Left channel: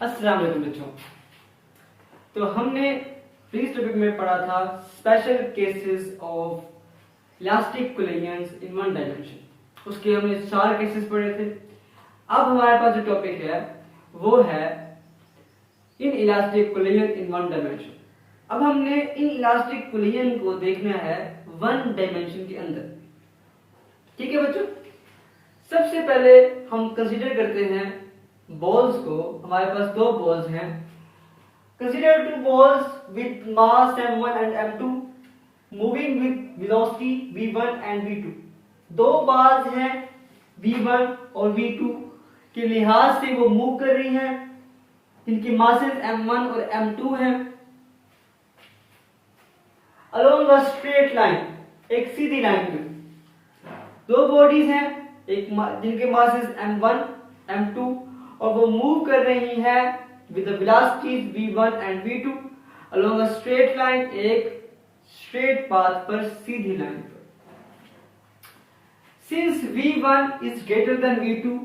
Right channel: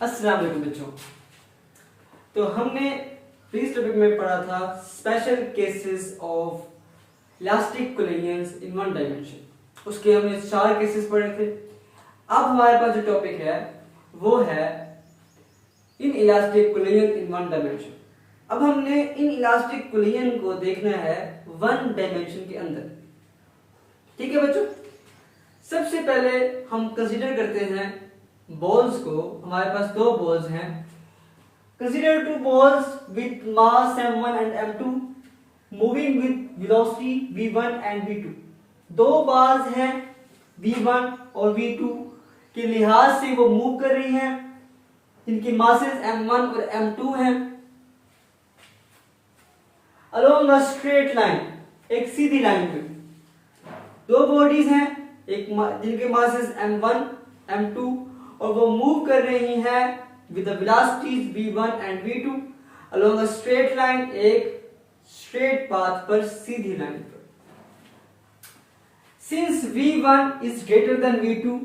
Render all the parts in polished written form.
अस्सलाम वालेकुम बच्चों। तो हमने प्रीवियस टॉपिक में पढ़ा था special cases of elastic collisions in one dimension. उसके हमने 4 केसेस पढ़े थे। अब हमारे पास जो टॉपिक है वो है in elastic collision in one dimension. अब हमने इन इलास्टिक कोलिजन को देखना है वन डायमेंशन के अंदर। ठीक है बच्चों, सबसे पहले हम कंसीडर करते हैं बॉल्स को। हमारे पास 2 बॉल्स हैं। Consider 2 balls with mass m1 and m2 moving with velocity v1 and v2। 2 balls हैं v1 और v2 के लिहाज से वो मूव कर रही हैं। इनकी मासेस m1 और m2 हैं अलोंग अ स्ट्रेट लाइन, एक सीधी लाइन में। 2 बॉडीज हैं एक जिनके मासेस m1 m2 और वो मूव कर रही हैं with the velocities v1 and v2 along a straight line, एक स्ट्रेट पाथ पर, सीधी लाइन पर। Since v1 is greater than v2,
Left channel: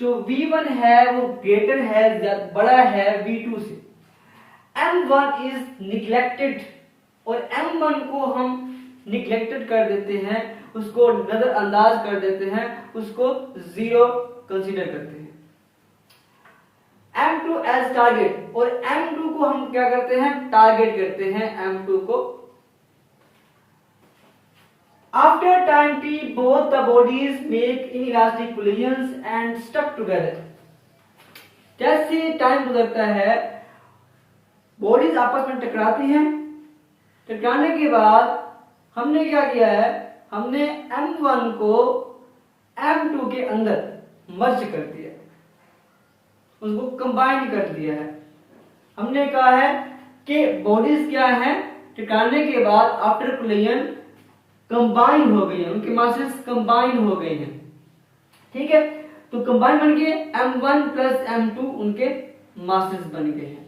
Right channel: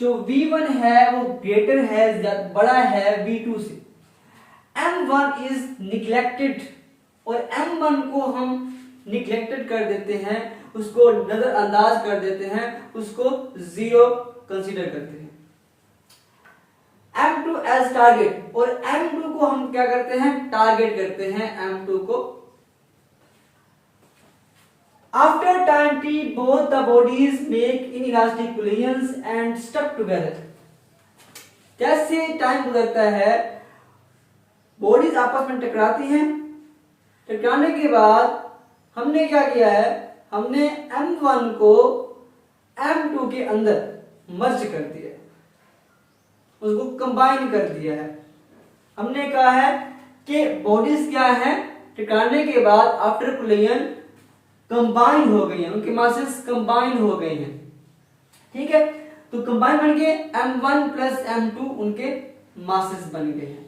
जो v1 है वो ग्रेटर है या बड़ा है v2 से। m1 इज निग्लेक्टेड और m1 को हम निग्लेक्टेड कर देते हैं, उसको नजरअंदाज कर देते हैं, उसको 0 कंसीडर करते हैं। m2 एज टारगेट, और m2 को हम क्या करते हैं, टारगेट करते हैं m2 को। After time t both the bodies make inelastic collisions and stuck together। जैसे टाइम गुजरता है बॉडीज आपस में टकराती हैं। टकराने के बाद हमने क्या किया है, हमने m1 को m2 के अंदर मर्ज कर दिया, उसको कंबाइन कर दिया है। हमने कहा है कि बॉडीज क्या है, टकराने के बाद आफ्टर कोलिजन कंबाइन हो गई हैं, उनके मासेस कंबाइन हो गए हैं। ठीक है, तो कंबाइन बन के m1 प्लस m2 उनके मासेस बन गए हैं।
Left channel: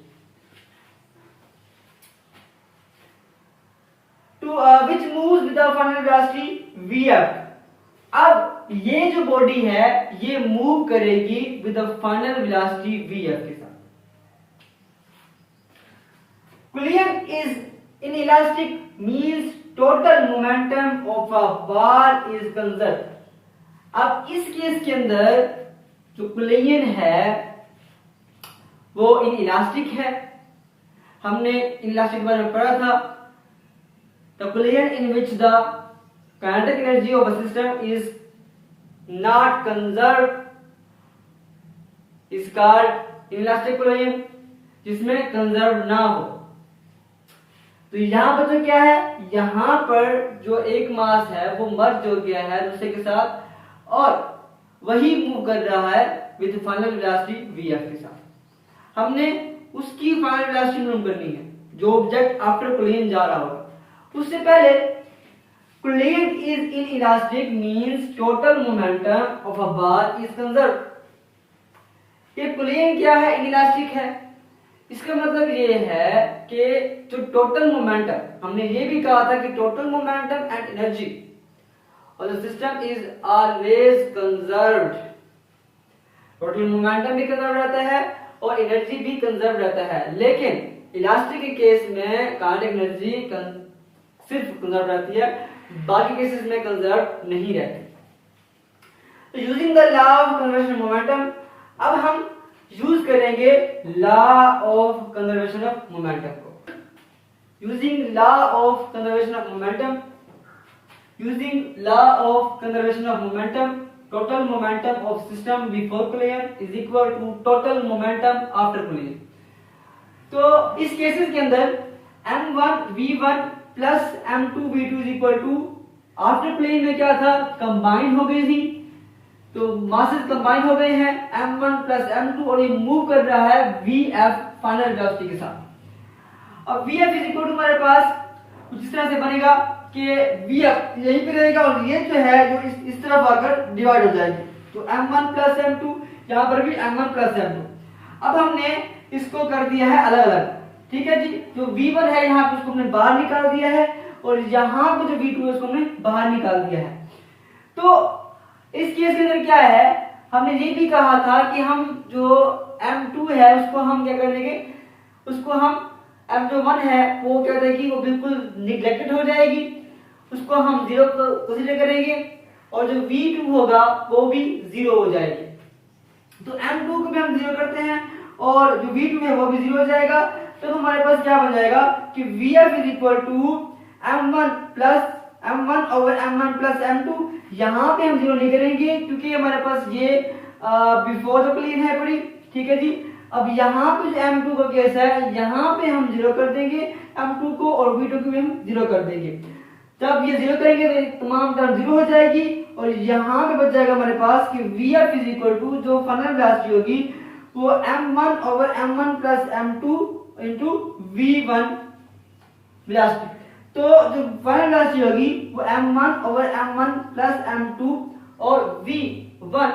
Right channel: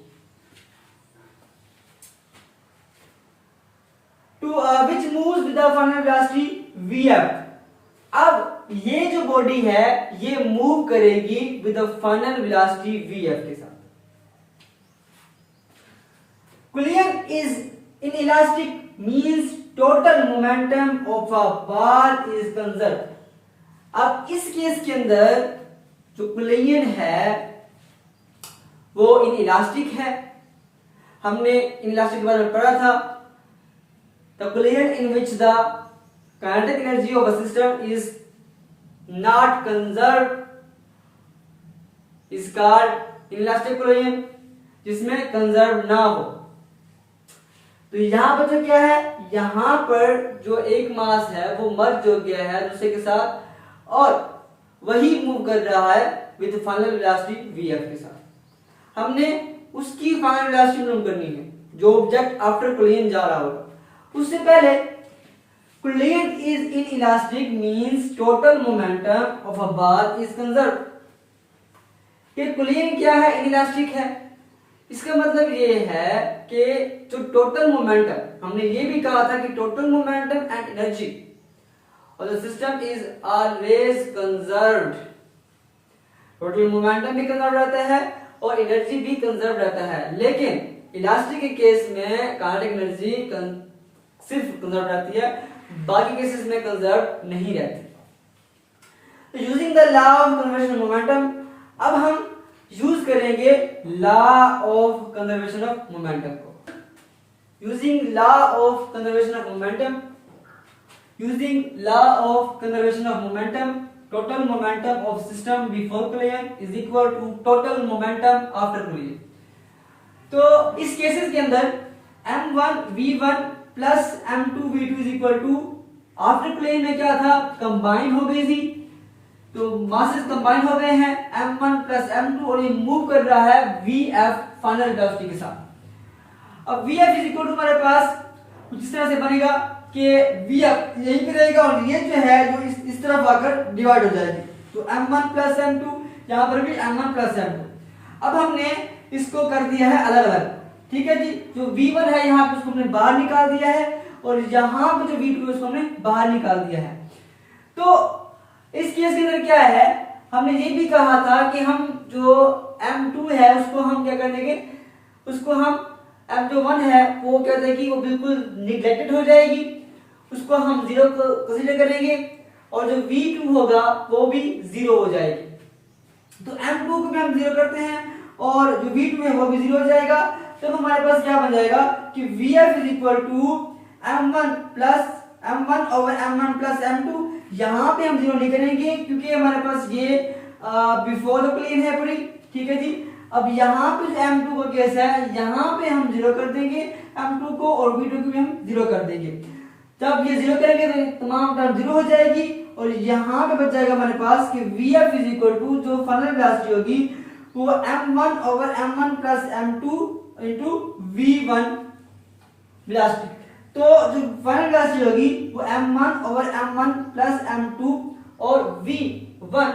which moves with the final velocity vf। अब ये जो बॉडी है ये मूव करेगी with the final velocity vf के साथ। Collision is inelastic means total momentum of a bar is conserve. अब इस केस के अंदर जो कोलिजन है वो इनइलास्टिक है। हमने इनइलास्टिक के बारे में पढ़ा था। The collision in which the kinetic energy of a system is not conserved is called inelastic collision, जिसमें कंजर्व ना हो। तो यहां पर तो क्या है, यहां पर जो एक मास है वो मर्ज हो गया है दूसरे के साथ और वही मूव कर रहा है विद फाइनल वेलोसिटी vf के साथ। हमने उसकी फाइनल वेलोसिटी मालूम करनी है जो ऑब्जेक्ट आफ्टर कोलिजन जा रहा होगा। उससे पहले collision is inelastic means total momentum of a bar is conserved. ये कोलिजन क्या है, इनइलास्टिक है। इसका मतलब ये है कि जो टोटल मोमेंटम, हमने ये भी कहा था कि टोटल मोमेंटम एंड एनर्जी और the system is always conserved. Total momentum भी कंजर्व रहता है और एनर्जी भी कंजर्व रहता है, लेकिन इलास्टिक के केस में काइनेटिक एनर्जी सिर्फ कंजर्व रहती है, बाकी केसेस में कंजर्व नहीं रहती। तो using the law of conservation momentum, अब हम यूज करेंगे law of conservation of momentum को। Using law of conservation of momentum, using law of conservation of momentum, total momentum of system before collision is equal to total momentum after collision. तो इस cases के अंदर m1 v1 plus m2 v2 is equal to, after collision में क्या था, combine हो गई थी, तो मासेस कंबाइन हो गए हैं m1 प्लस m2 और ये मूव कर रहा है vf फाइनल वेलोसिटी के साथ। अब vf इज इक्वल टू हमारे पास कुछ इस तरह से बनेगा कि vf यहीं पे रहेगा और ये जो है जो इस तरफ आकर डिवाइड हो जाएगी, तो m1 प्लस m2, यहां पर भी m1 प्लस m2। अब हमने इसको कर दिया है अलग अलग। ठीक है जी, जो v1 है यहाँ पे उसको हमने बाहर निकाल दिया है और यहाँ पे जो v2 है उसको हमने बाहर निकाल दिया है। तो इस केस के अंदर क्या है, हमने ये भी कहा था कि हम जो m2 है उसको हम क्या कर देंगे, उसको हम M1 है वो क्या रहेगी, वो बिल्कुल निगलेक्टेड हो जाएगी, उसको हम 0 कंसीडर करेंगे और जो V2 होगा वो भी 0 हो जाएगी। तो M2 को भी हम 0 करते हैं और जो V2 है वो भी 0 हो जाएगा। तो हमारे पास क्या बन जाएगा कि VF is equal to M1 over M1 plus M2। यहाँ पे हम 0 नहीं करेंगे क्योंकि हमारे पास ये बिफोर द प्लेन है पूरी, ठीक है जी। अब यहाँ पे जो M2 का केस है यहाँ पे हम 0 कर देंगे M2 को और V2 को भी हम 0 कर देंगे। जब ये 0 करेंगे तो तमाम टर्म 0 हो जाएगी और यहाँ पे बच जाएगा हमारे पास कि VF इज इक्वल टू जो फाइनल वेलोसिटी होगी वो M1 over M1 plus M2 into V1 velocity. तो जो फाइनल वेलोसिटी होगी वो M1 over M1 plus M2 और V1